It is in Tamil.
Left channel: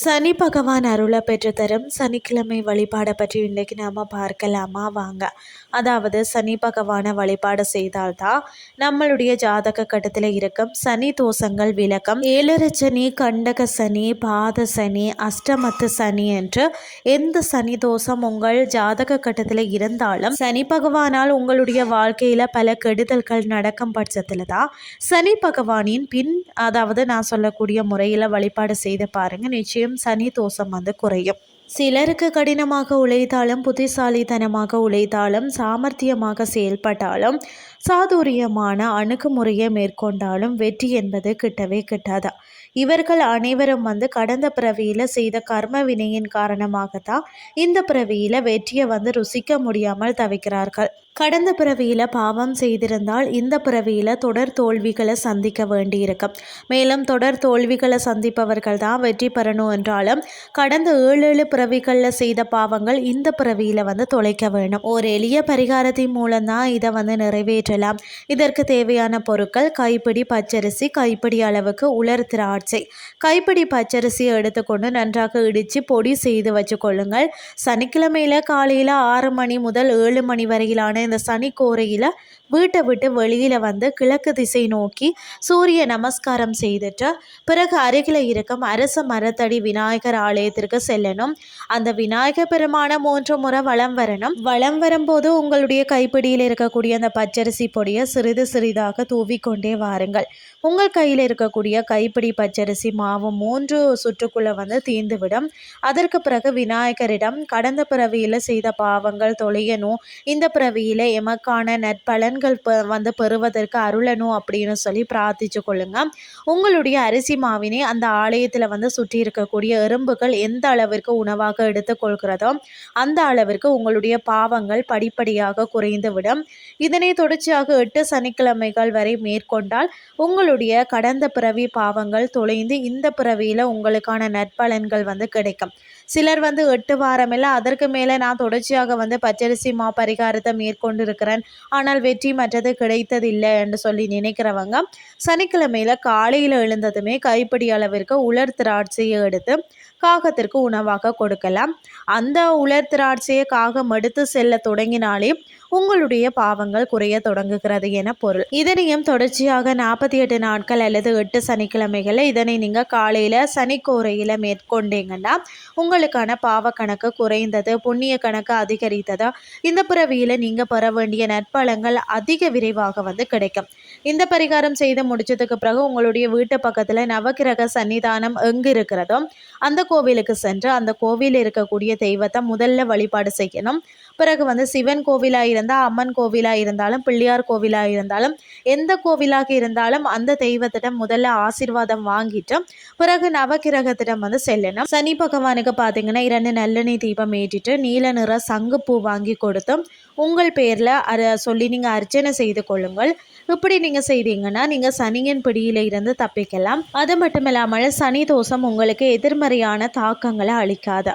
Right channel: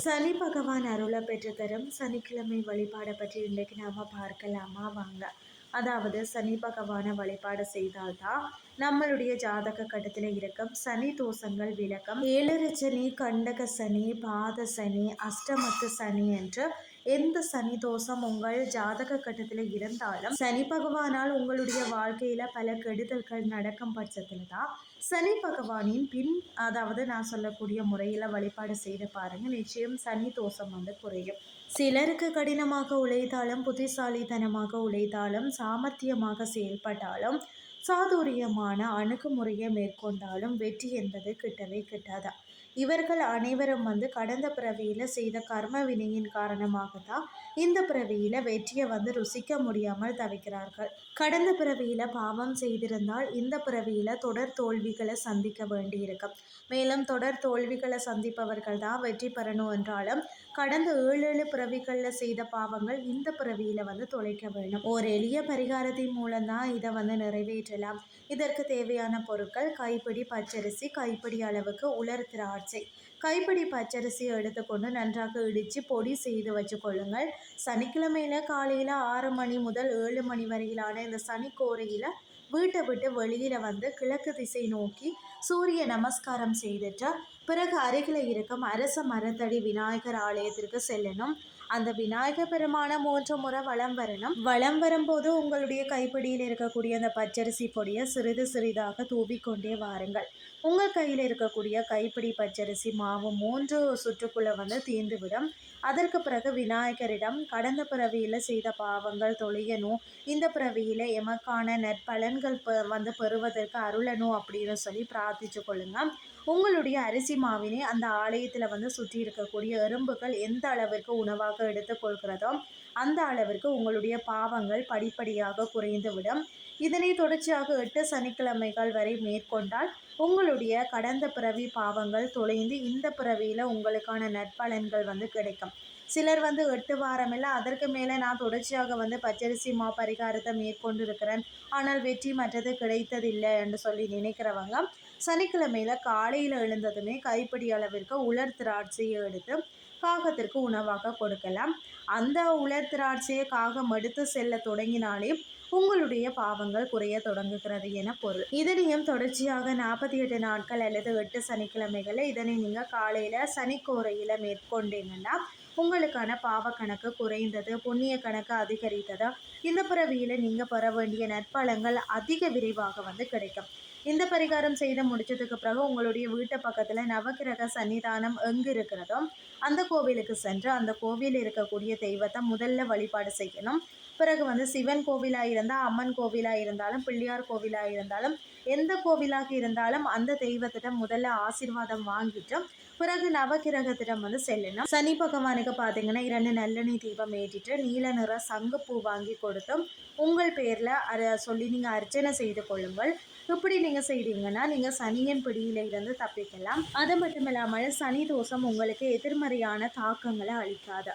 சனி பகவான் அருளை பெற்று தரும் சனிக்கிழமை வழிபாடை பற்றி இன்றைக்கி நாம் பார்க்கலாமா? வாங்க. அதாவது சனி பகவானை வழிபாடு செய்தால்தான் நம்மளுடைய ஜாதக கட்டத்தில் இருக்கும் சனி தோஷங்கள் விளக்கம் ஏழரை சனி கண்டக சனி பாத சனி அஷ்டமத்து சனி என்று எந்த சனி தோஷம் உங்கள் ஜாதக கட்டத்தில் இருந்தாலும் சனி பகவானால் உங்களுடைய வாழ்க்கையில் பல கெடுதல்கள் நடக்கும் பட்சத்தில் தான் சனி பகவானின் பின் அதாவது நான் சொல்லக்கூடிய முறையில் வழிபாடு செய்து பாருங்கள் நிச்சயம் நிச்சயம் சனி தோஷம் வந்து குறையும். சிலருக்கு கடினமாக உழைத்தாலும் புத்திசாலித்தனமாக உழைத்தாலும் சாமர்த்தியமாக செயல்பட்டாலும் சாதுரியமான அணுகுமுறையை மேற்கொண்டாலும் வெற்றி என்பது கிட்டவே கிட்டாதா? இவர்கள் அனைவரும் வந்து கடந்த பிறவியில் செய்த கர்ம வினையின் காரணமாகத்தான் இந்த பிறவியில் வெற்றியை வந்து ருசிக்க முடியாமல் தவிக்கிறார்கள். கடந்த பிறவியில் பாவம் செய்திருந்தால் இந்த பிறவியில் தொடர் தோல்விகளை சந்திக்க வேண்டியிருக்கும். மேலும் தொடர் தோல்விகளை சந்திப்பவர்கள் தான் வெற்றி பெறணும் என்றாலும் கடந்த ஏழு ஏழு பிறவிகளில் செய்த பாவங்கள் இந்த பிறவியில் வந்து தொலைக்க வேணும் ஒரு எளிய பரிகாரத்தின் மூலம்தான் இதை வந்து நிறைவேற்றலாம். இதற்கு தேவையான பொருட்கள் கைப்பிடி பச்சரிசி கைப்பிடி அளவுக்கு உலர் திராட்சை. கைப்பிடி பச்சரிசியை எடுத்துக்கொண்டு நன்றாக இடித்து பொடி செய்து வச்சுக்கொள்ளுங்கள் சனிக்கிழமையில் காலையில் ஆறு மணி முதல் ஏழு மணி வரையிலான இந்த சனிக்கோரையில் வீட்டை விட்டு வெளியில் வந்து கிழக்கு திசை நோக்கி சூரிய நமஸ்காரம் செய்துட்டு பிறகு அருகில் இருக்கும் அரச மரத்தடி விநாயகர் ஆலயத்திற்கு செல்லணும். அந்த விநாயகர் பெருமான மூன்று முறை வளம் வரணும். வளம் வரும்போது உங்களுடைய கைப்பிடியில் இருக்கக்கூடிய அந்த பச்சரிசி பொடியை சிறிது சிறிதாக தூவிக்கொண்டே வாருங்கள். உங்கள் கையில் இருக்கக்கூடிய கைப்பிடி பச்சரிசி மாவு மூன்று சுற்றுக்குள்ளே வந்து தீர்ந்துவிடும் அதற்கு பிறகு விநாயகரிடம் கடந்த பிறவியில் செய்த பாவங்கள் தொலையணும் இந்த பிறவியில் எமக்கான நற்பலன் பலன்கள் வந்து பெறுவதற்கு அருளணும் அப்படின்னு சொல்லி பிரார்த்திச்சு கொள்ளுங்க. உங்களுடைய அரிசி மாவினை அந்த ஆலயத்தில் வந்து சுற்றி இருக்கக்கூடிய எறும்புகள் எந்த அளவிற்கு உணவாக எடுத்துக்கொள்கிறதோ அந்த அளவிற்கு உங்களுடைய பாவங்கள் படிப்படியாக குறைந்துவிடும். இதனை தொடர்ச்சியாக எட்டு சனிக்கிழமைகள் வரை மேற்கொண்டால் உங்களுடைய கடந்த பிறவி பாவங்கள் தொலைந்து இந்த பிறவியில் உங்களுக்கான நற்பலன்கள் வந்து கிடைக்கும். சிலர் வந்து எட்டு வாரமெல்லாம் அதற்கு மேலே நான் தொடர்ச்சியாக வந்து பச்சரிசி மா பரிகாரத்தை மேற்கொண்டு இருக்கிறேன் ஆனால் வெற்றி மற்றது கிடைத்ததில்லை என்று சொல்லி நினைக்கிறவங்க சனிக்கிழமையில் காலையில் எழுந்ததுமே கைப்பிடி அளவிற்கு உலர் திராட்சையை எடுத்து காகத்திற்கு உணவாக கொடுக்கலாம். அந்த உலர் திராட்சையை காகம் எடுத்து செல்ல தொடங்கினாலே உங்களுடைய பாவங்கள் குறைய தொடங்குகிறது என பொருள். இதனையும் தொடர்ச்சியாக நாற்பத்தி எட்டு நாட்கள் அல்லது எட்டு சனிக்கிழமைகளில் இதனை நீங்கள் காலையில் சனிக்கோரையில் மேற்கொண்டீங்கன்னா உங்களுக்கான பாவ கணக்கு குறைந்தது புண்ணிய கணக்கு அதிகரித்ததா இந்த பிறவியில் நீங்கள் பெற வேண்டிய நற்பலங்கள் அதிக விரைவாக வந்து கிடைக்கும். இந்த பரிகாரம் செய்து முடிச்சதுக்கு பிறகு உங்களுடைய வீட்டு பக்கத்தில் நவகிரக சன்னிதானம் எங்கு இருக்கிறதோ அந்த கோவிலுக்கு சென்று அந்த கோவிலில் இருக்கக்கூடிய தெய்வத்தை முதல்ல வழிபாடு செய்யணும். பிறகு வந்து சிவன் கோவிலாக இருந்தால் அம்மன் கோவிலாக இருந்தாலும் பிள்ளையார் கோவிலாக இருந்தாலும் எந்த கோவிலாக இருந்தாலும் அந்த தெய்வத்திடம் முதல்ல ஆசிர்வாதம் வாங்கிட்டு பிறகு நவகிரகத்திடம் வந்து செல்லணும். சனி பகவானுக்கு பார்த்தீங்கன்னா இரண்டு நல்லெண்ணெய் தீபம் ஏற்றிட்டு நீல நிற சங்குப்பூ வாங்கி கொடுத்தும் உங்கள் பேரில் அதை சொல்லி நீங்கள் அர்ச்சனை செய்து கொள்ளுங்கள். இப்படி நீங்கள் செய்தீங்கன்னா நீங்கள் சனியின் பிடியில் இருந்து தப்பிக்கலாம். அது மட்டும் இல்லாமல் சனி தோஷம் உங்களுக்கு எதிர்மறையான தாக்கங்களை அளிக்காது.